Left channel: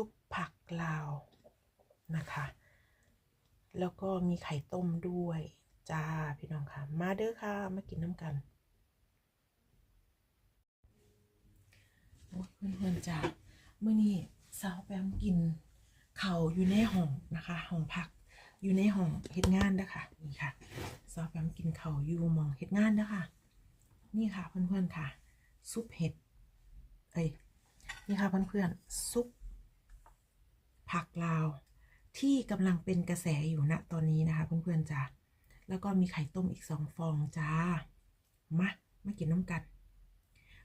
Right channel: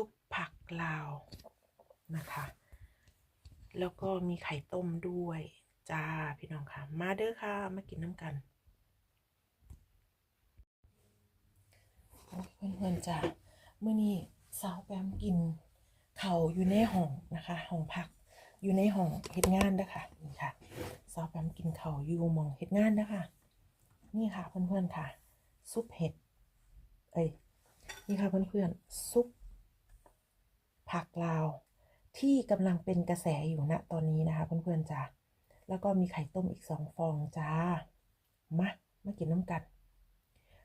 ซุปผักลาวนะคะ แล้วก็มีไข่ต้มด้วย จ้า พี่น้องค่ะ มาเด้อค่ะ มากินน้ำกันโอ้ยเพื่อนๆจ้าเมื่อนี้สาวแปมกินเข่าอยู่ในห้องนะคะห้องพักอยู่ในห้องเฮ็ดงานเด้อค่ะนี่ค่ะสาวแปมกินเข่าอยู่มองเฮ็ดงานนะคะนี่ค่ะเพื่อนๆค่ะ ซุปเห็ดเอ้ยนี่ค่ะเพื่อนๆซุป ผักลาวที่กำลังเป็นกระแสอยู่ณตอนนี้นะคะเพื่อนๆจ้าแล้วก็มีไข่ต้มอีกสองฟองจ้า มามากินน้ำกัน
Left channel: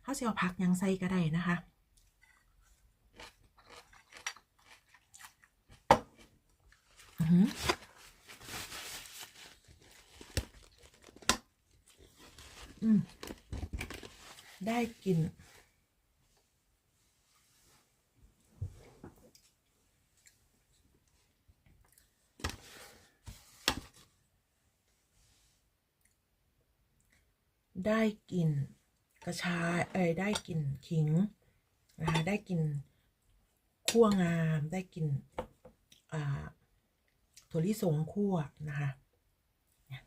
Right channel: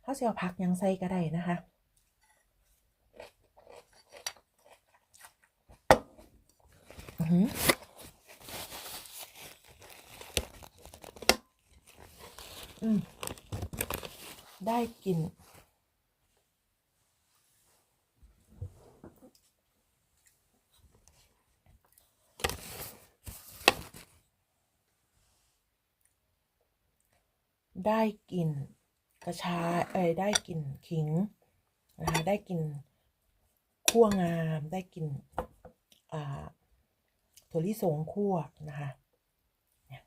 เขาจะเอาผักยังใส่ก็ได้นะคะอือหืออืมได้กลิ่น ได้กลิ่นกระชายเอ้ยได้กลิ่นขิงนะคะได้กลิ่นคั่วงาม ได้กลิ่นอ่าถั่วลิสงคั่วนะคะเนี่ย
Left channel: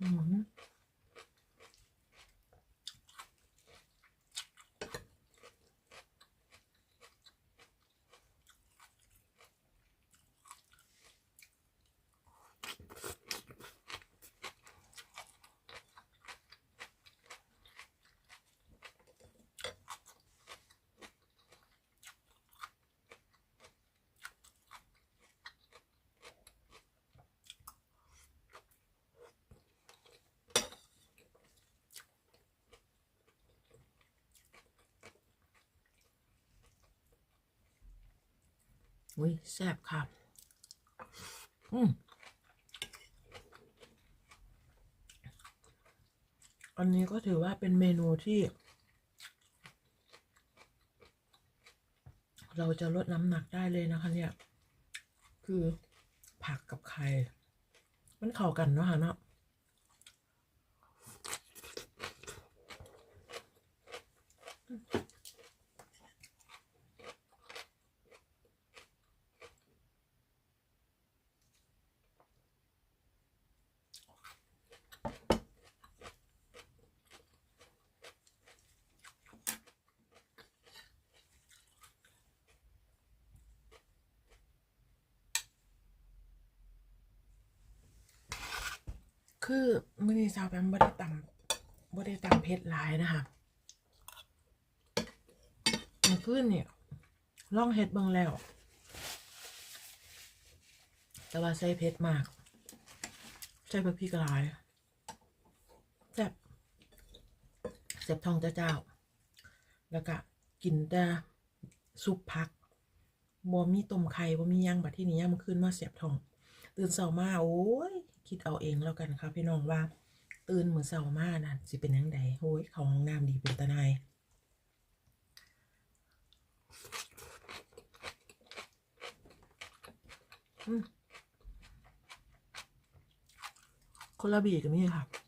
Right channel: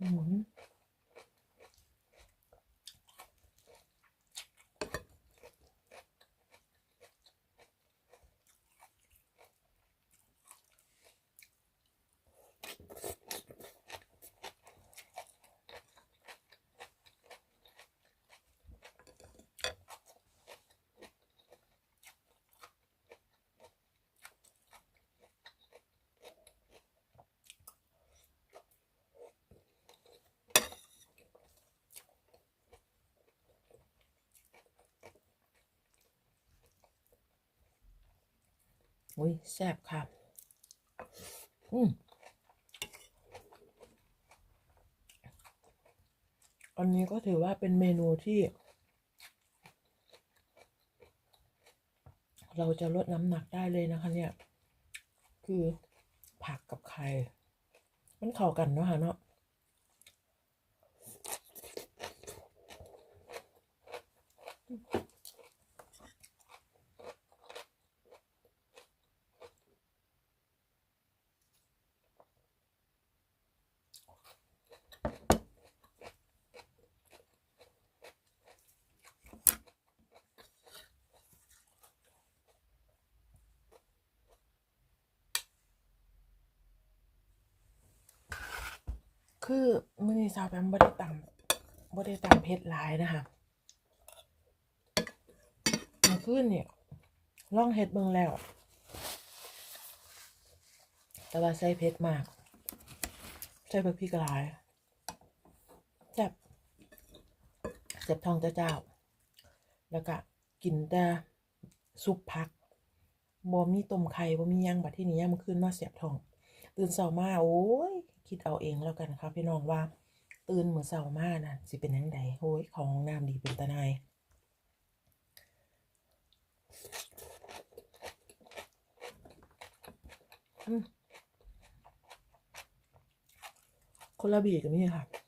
อืม อุ้ยแซ่บค่ะ อืมอันนี้ก็ถือว่าเป็นเมนูที่ เราจะลดน้ำหนักได้เลยนะคะ เนี่ย คือผักกับไข่ มันเข้ากันเนาะค่ะเนาะ คือมื่อนี้สาวแปมบ่ได้ตำบ่ได้ตำเผ็ดหลายนะคะเมื่อคืนเนี่ยล่องเฮ็ดเบิ่งแล้ว แต่ว่าใส่เผ็ดมาก ใส่พริกพริกหลายแซ่บเจ็บทองเจ้า แล้วก็กินแต่ซุปผักบ่มีต้มไข่บ่มีหยังบัดที่นี้ยามมื้นมาเสียบทอง ตื่นเช้ามาโอ้ย คิดเอาเองแล้วกันครับพี่น้องว่า ตื่นเหมือนเช้ามานะสิเป็นยังไงโอ้ยเขาห้องน้ำดีเป็นตาไนายคนละบีกันนี่ค่ะ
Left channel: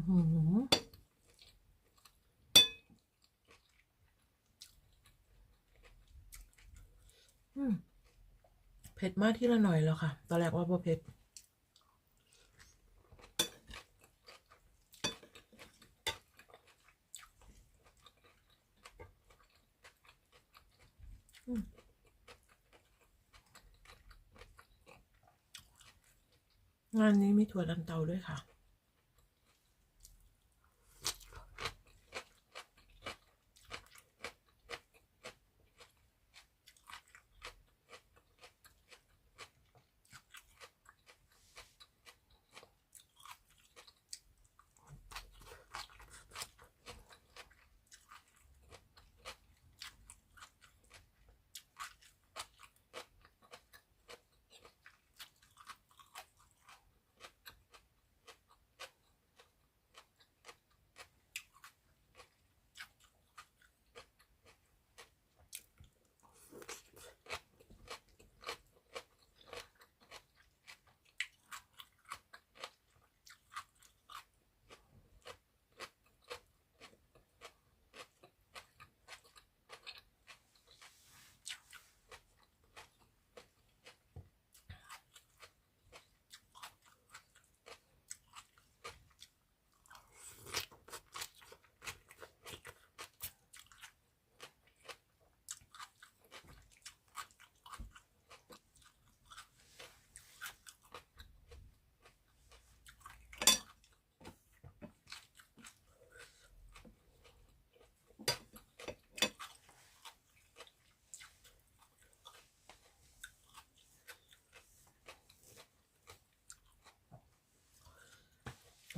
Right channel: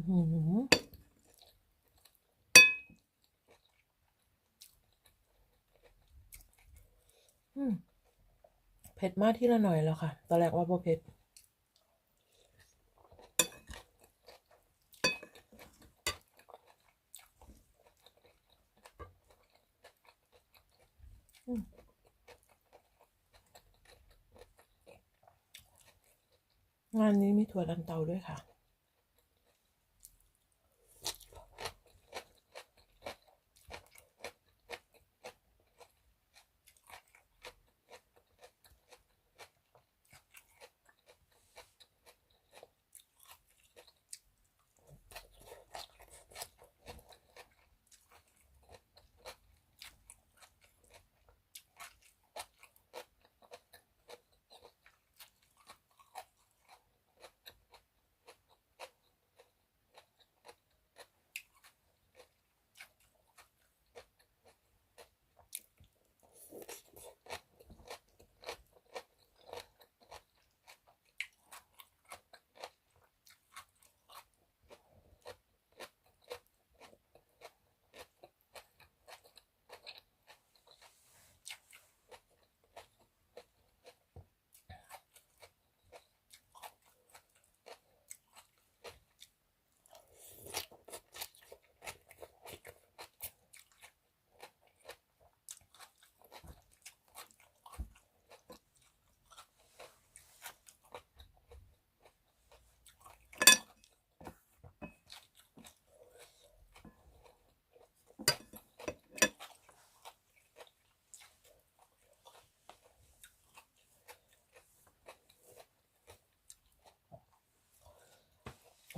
เผ็ดมากที่ละหน่อยแล้วค่ะ ตอนแรกว่าบ่เผ็ด งานนี้มีถั่วลันเตาด้วยค่ะ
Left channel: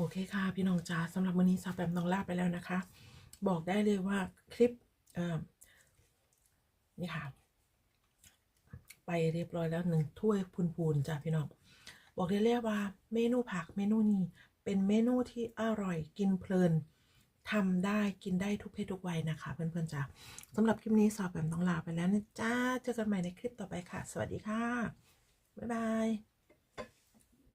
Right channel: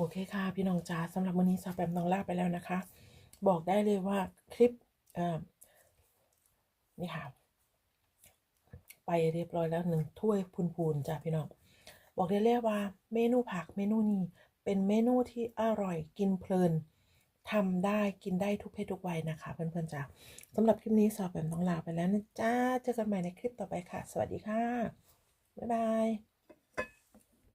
อเคค่ะ พี่น้องจ๋าสำหรับวันนี้ซาแปมต้องลาไปแล้วนะคะ บอกได้เลยว่าคลิปเออนี่ค่ะ ไปเรียบร้อยแล้วหนึ่งถ้วยพูนๆจ้ะพี่น้อง บอกได้เลยว่า เมนูผักเมนูนี้เป็นเมนูที่อร่อยกินเพลินทำได้กินได้ทุกเพศทุกวัยนะคะ เพื่อนๆจ้ะสำหรับคลิปนี้สาวแปมต้องลาไปแล้วนะจ้าเจอกันใหม่ในคลิปต่อไปค่ะ สวัสดีค่ะ บ๊ายบาย